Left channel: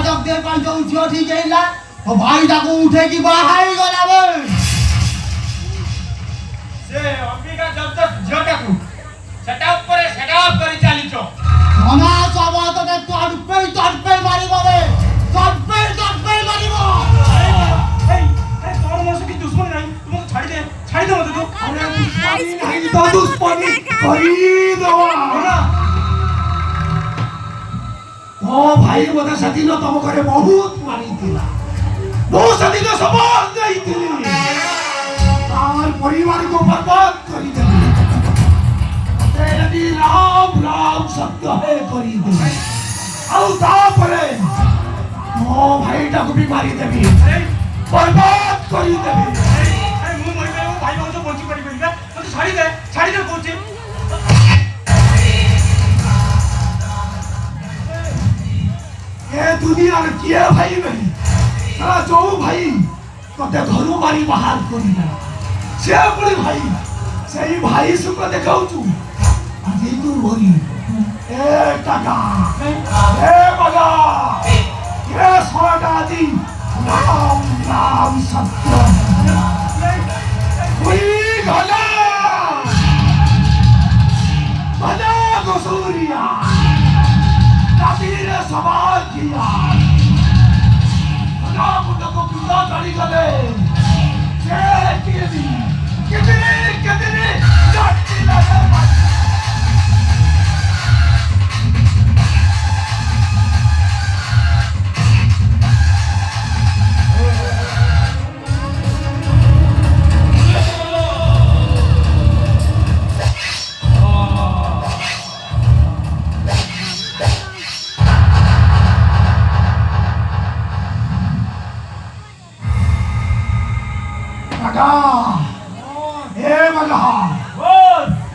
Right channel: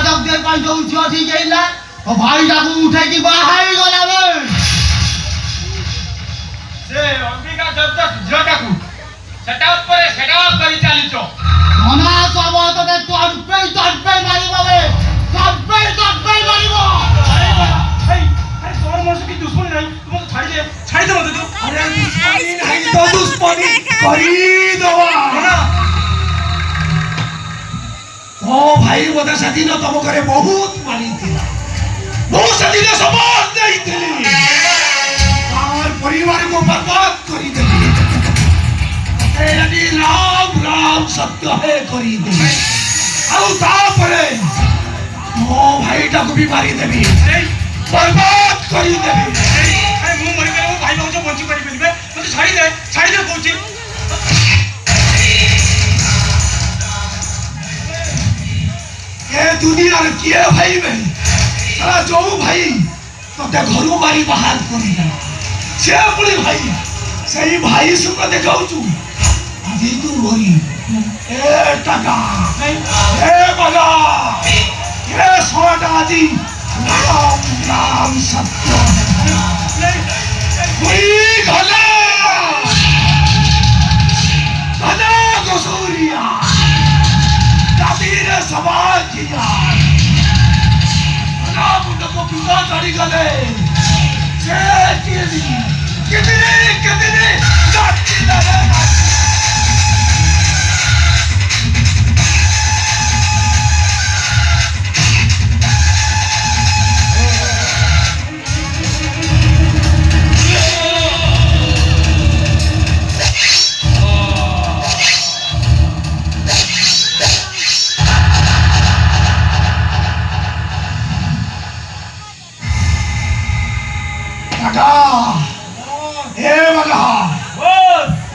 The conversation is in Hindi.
ଯାଜକদের ପାଇଁ ଯୋଉ ଝିଅ ଠିକ ହେଇଲା ଓ ଭାଇଟାକୁ ଉଠେଇକି ବାହା ହେଇଗଲା ବେ ସେ ଅମ୍ବିକା ଯାଜକ ଝିଅଟାକୁ ସେଟା ଉପରେ ଚାଲିଛ ଧନା ସବ ତତେ ତଡପେଇ ମାରିବ ବେ ତଡପେଇ ମାରିବ अरे तोर मोर से की दुश्मन नहीं तुम छाड़ी दे मत तू अरे दुश्मनी नहीं तो दुश्मनी करी दवा ना ओ भाई मते सदिन तम करे बहुत मानी थिला बहुत सदिन समाज नहीं थी और परिवार को बर्बाद करी देली तेरी राम राम सत्य है करी दे आउ ता परे ओ भाई टाको भी मारी देबी बर्बाद करी देबी अरे मु मरि गेलो भाई बहु बंची करी बेलबे मते छाड़ी दे कहूची ये दुनिया रे किए भाई बहन सारा जो भाई तोते घर मारी बाहर करी दे से पुली भाई सही भाई सुख देखाऊ छु आज तू भरी ए टाका ए बगा ये सोटा आदि राम राम सत्य हुई गला बना गोसूरिया ताबीर समाज किया बना मुंड को पिता चढ़ी गले से